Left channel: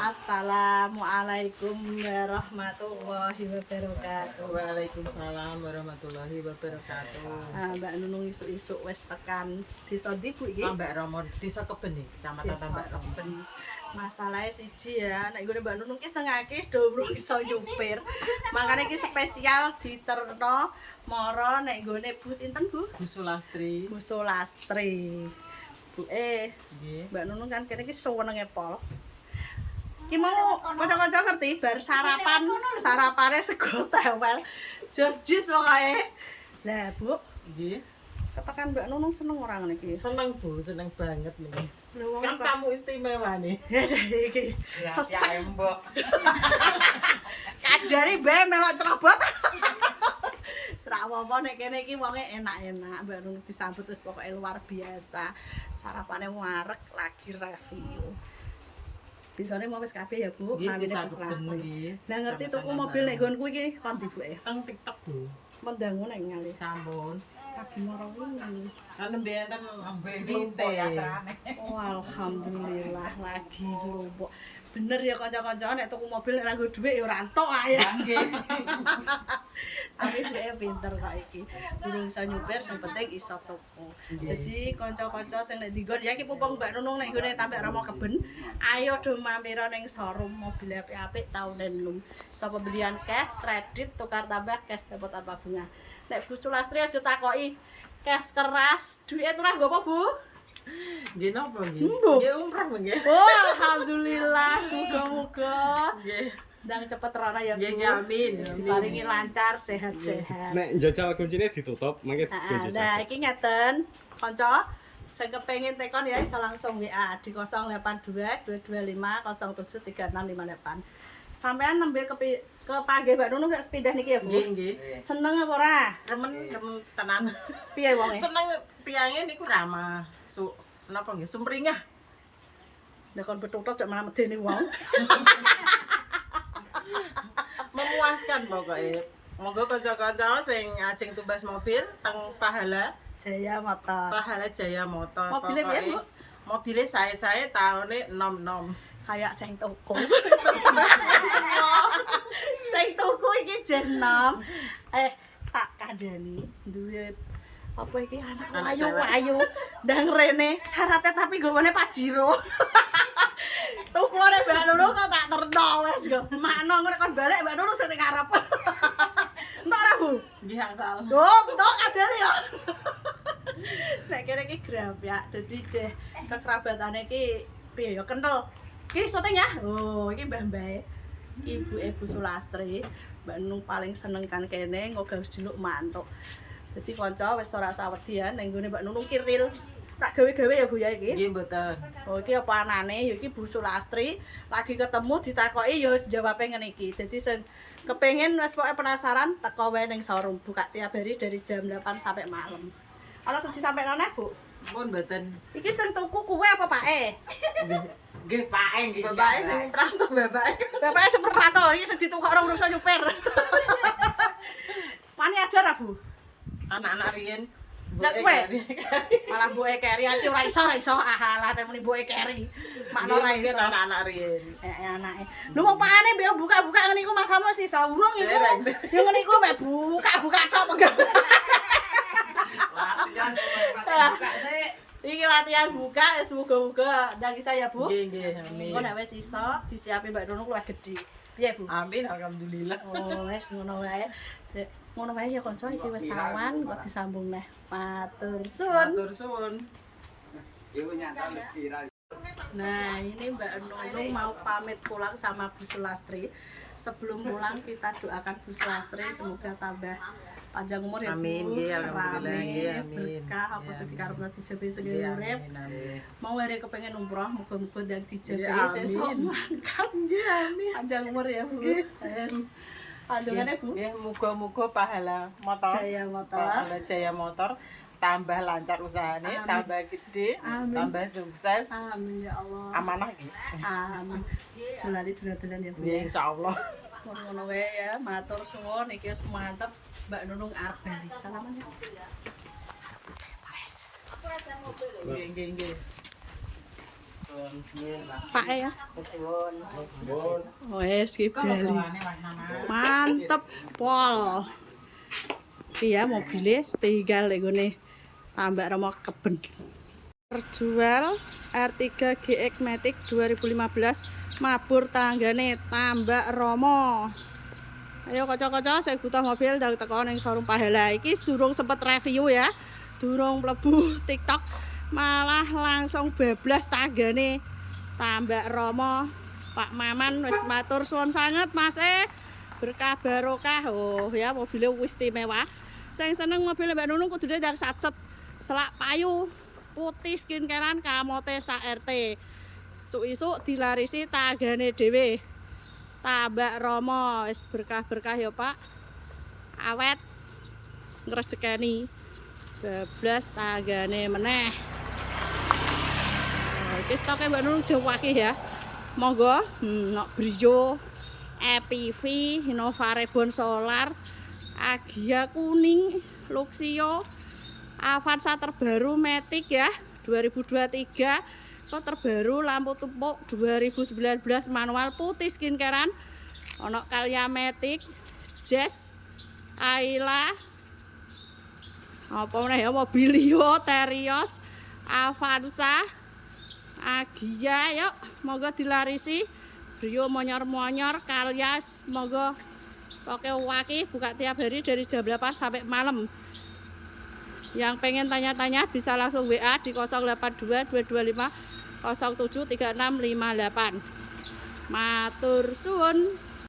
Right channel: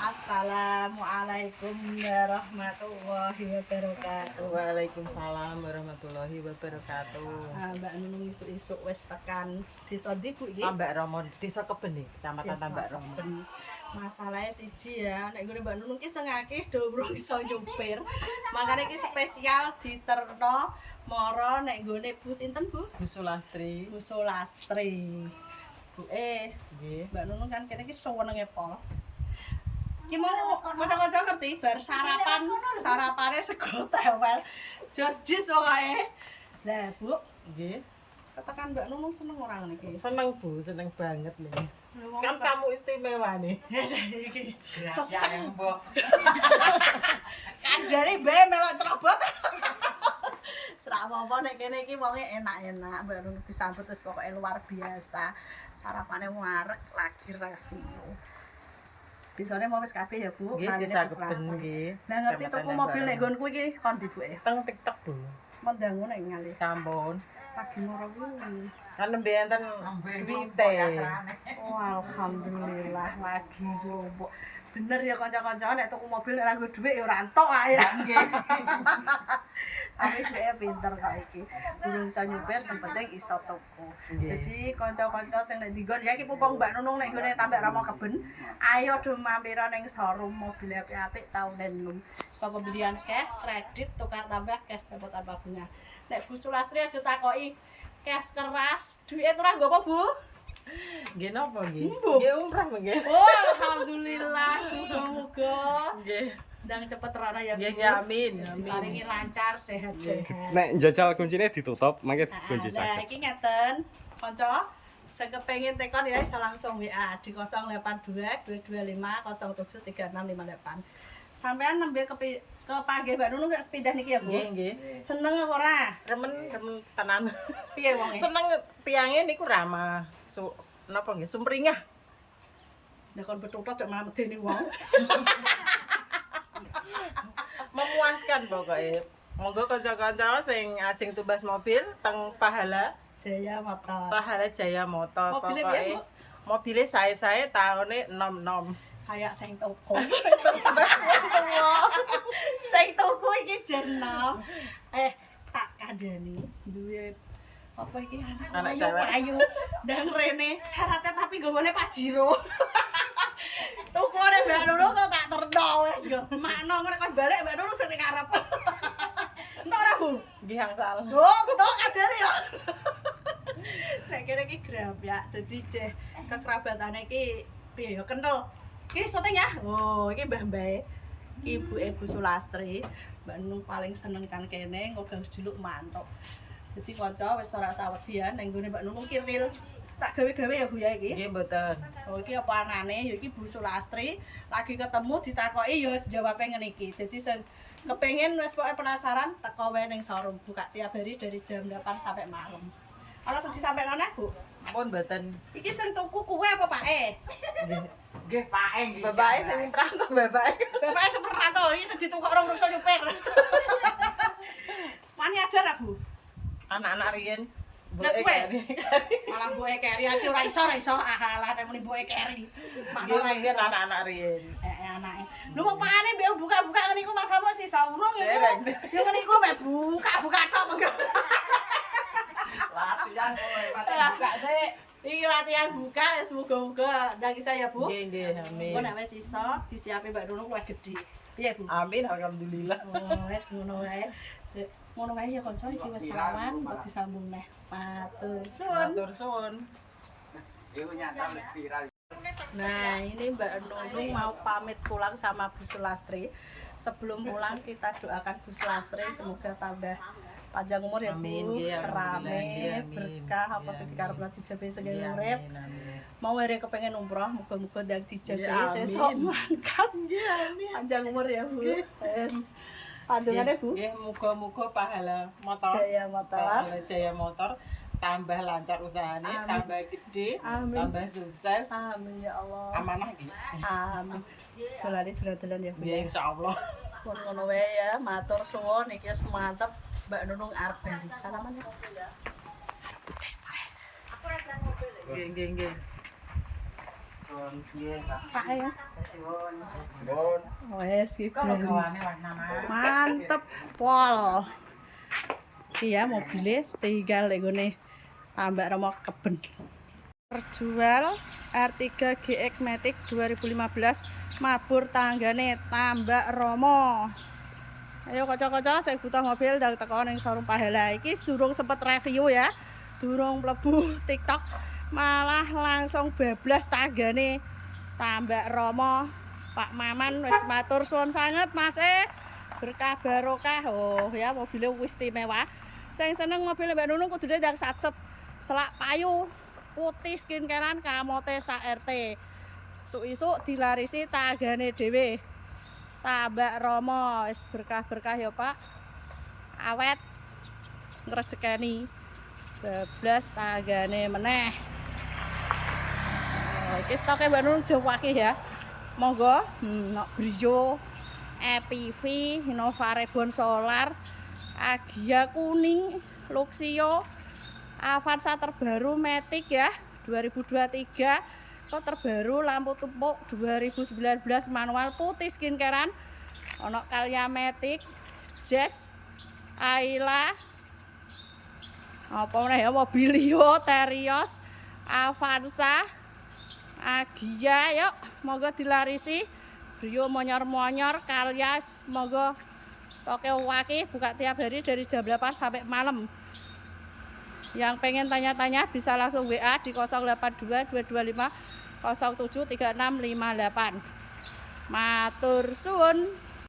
Assalamualaikum warahmatullahi wabarakatuh. Waalaikumsalam warahmatullahi wabarakatuh. Mbak Nunung isuk-isuk wis tekan desa ndi Bu iki? Mbak Romon, desa Keben, Kecamatan Tambak Romon. Masalahnya siji ya, nek nggone Mbak Nunung ki sing akeh do urung iso nyupir. Makane iki spesial diterno mara nek nggone Bu sinten Bu? Bu Sulastri. Bu Sulastri. Bu Nggih. Mbak Nunung kan kene iki senenge pol. Ki mau kanca-kanca ngerti bar sarapane sego tewel. Jos jis pokoke. Lah, Bu, Nggih. ketekan Mbak Nunung seneng ora ngene iki? Seneng Bu, seneng banget nih. Wong Kan tamu istimewa nih. iki sesek. Mbok. Kanjane be melok cerobot. Serak apa nek kene iki wonge enak-enak. Mbak Nunung disambut wis pokoke luar biasa. Sarapane wareg lagi review. Disane mau wis kabeh ya, Bu. Nggih, desa Wis Keben Sulastri. nggih. Lah ngerti tuku mobil nek nggonku iki kondi Bu e. Teng TikTok Bu. Mendangu nek ngalih. Sampun. Lagi moro wingi. Kan nembe enten binte. Oh, alhamdulillah lagi lombok. Bener ya kanca-kanca nek tuku mobil nek nganggo dhuwit ya ora entuk ae. Tapi dheweke pinter kok iki. Durung iso nyupir sing penting iso tuku. Dadi kanca-kanca sing nek dinggon ya iki pumpung Mbak Nunung nek nggone Tambak Rama Keben, ayo do mampira ning showroom mobil apik-apik tahun enum. Iso pembelian cash, kredit, tukar tambah cash dapat tanpa bunga. Nek Bu Sulastri aja takoki cash keras, duit ora nggo apa, Bu? Nggih napa nggih? Mbuh. Nggih umrah nggih. Oh, alhamdulillah, semoga-moga Nggih. ndang cepet rono ya, Bu. Nggih, amin. Diparingi lancar, sehat-sehat. Nek njajal kuncine ditutup, mangke kunci Nah, sakit. iki ngeten, kanca sing kepengin tekon ya iso langsung WA di 082 225 073658. Sampean nembe kepanggih Mbak Nunung gak sepindah niki ya, Bu? Nggih, nggih. Seneng apa ora? Remen tenan. Piye wonge? Seneng tiange niku ramah. Napa nggih? Sumringah. Nek kon betutuk dak malah medeni wong. Memuaskan pokoknya. Monggo kanca-kanca sing ajeng tumbas mobil teng Pahala Jaya Motor. Jaya Motor. Mobilnya piye, Bu? Mobilnya saya tahunnya nom-nom. Kayak sing toko. Tumbas mobil. Sing tuku iki jenom. Tak kandhani duwe apa iki anak Anak ayu-ayu ndang rene syaratnya tapi gowone Pajero. Tukune Mbak Nunung kok tak terno wis go. Makno ngene kon balik Mbak Nunung sing ngarep. Entuk ora, Bu? Nggih angsal. Oh, entuk kandhane ya. Nek kene iki grab ya. Dadi jeh kekerabatane iki piye ya kental. Iki syuting ya. Oh, iki mbah-mbahe. Ibuke Bu Sulastri. Mbak Nunung paling seneng kan kene nggo seduluk mantuk. Dadi kanca wis ora usah wedi ya ning nggone Mbak Nunung ki real. Tak gawe-gawe ya Bu ya iki. Nggih mboten. Oh iki apa anane ya iki Bu Sulastri lagi ketemu ditakoki ya wis jawabe ngene iki. Dadi sing kepengin wis pokoke penasaran teko wae ning showroom buka tiap hari dari jam 8 sampai malam. Ana sing disampaikan neh, Bu? Pun mboten. Iki sing tuku kuwe apa pake? Nggih pake nggih. Bapake sing prantau bapake. Bapake sing perantau iki sing ditukok ora iso nyupir. Wani ajar ah, Bu? Anak-anak riyen. Nek kowe malah mbuke keri aja ora iso. Alah nek muni mbuke keri. Makno ora iso. Anak-anak riyen. Anake. Lho wong pakane mbek buka-buka ngene iku Mas Amo sih urung iku. Dereng. Ya ngene iku mek buka-buka tok kok. Latihan buka sih. Iki latihan buka wis muga-muga ndang isa ya, Bu. Nggih nggih amin. Engko nek wis iso disiapi Mbak Nunung luwih gedhe. Piye, Bu? Amin alhamdulillah. Oh, wis ngono wae. Ngono wae ya kanca iki wis awan kok disambung neh. Matur suwun. Matur suwun. Nah, ini Mbak Nunung mau pamit pulang sama Bu Sulastri. Sebelum pulang kita doakan Bu Sulastri semoga tambah panjang umur ya Bu. Amin, nggih, alhamdulillah, Rame, nggih, amin. berkah apa Nggih, sing amin. dikarepno dijabe sing Nggih, urip. amin amin. Mau ere kepengin umroh, muga-muga ndang dijabe Nggih, sesuk amin. mangkat. Nggih amin. Panjang umur ya Bu. Wes. Pandungane Bu. Nggih, muga-muga pahala motor. Jaya Motor. Pahala Jaya Motor tambah lancar usahane, Amin. tambah gede, Amin. tambah sukses. Amin ya Allah. Amanah nggih. Amin. Jolali dolan-dolan ya Bu. Nggih insyaallah. Ngono wae ya, matur suwun iki wis mantep Mbak Nunung arep bali. Salaman ya. Nggih nggih nggih. Pak ya. Bon. Wes ki bali. Mantep pol. Iya mobilnya tinggal nih tambak Romo Keben. Terjual R3 GX Matic 2015 mabur tanggane tambak Romo. Ayo kocok-kocok saya butuh mobil dan teko ning showroom Pahala. Iki durung sempet review ya. Durung mlebu TikTok malah langsung bablas tanggane tambak Romo. Pak Maman wis matur suwun sanget Mas berkah barokah. Oh ya mobilnya wis istimewa. Sing seneng mobil Mbak Nunung kudune ndang satset selak payu putih skincarean kamote sak RT. Isuk-isuk dilarisi tanggane dhewe. Tambak Romo wis berkah-berkah ya Pak. Awet ngrejekeni. Bablas tanggane meneh. Oh, iki stoke Mbak Nunung Jawa akeh ya. Monggo, nok Brio, EPV, Innova Reborn Solar, Agia kuning, Luxio, Avanza terbaru Matic ya 2023. Kok terbaru lampu tumpuk 2019 manual putih skincarean. Ono Calya Matic, Jazz, Ayla. Apa meneh ya Mobilio, Terios, Avanza, Agia yuk monggo dilarisi. Brio monyor-monyor, Calya monggo stoknya waki buka tiap hari dari jam 8 sampai malam. Yang pengen tanya-tanya bisa langsung WA di 082 225 073658. Matur suwun.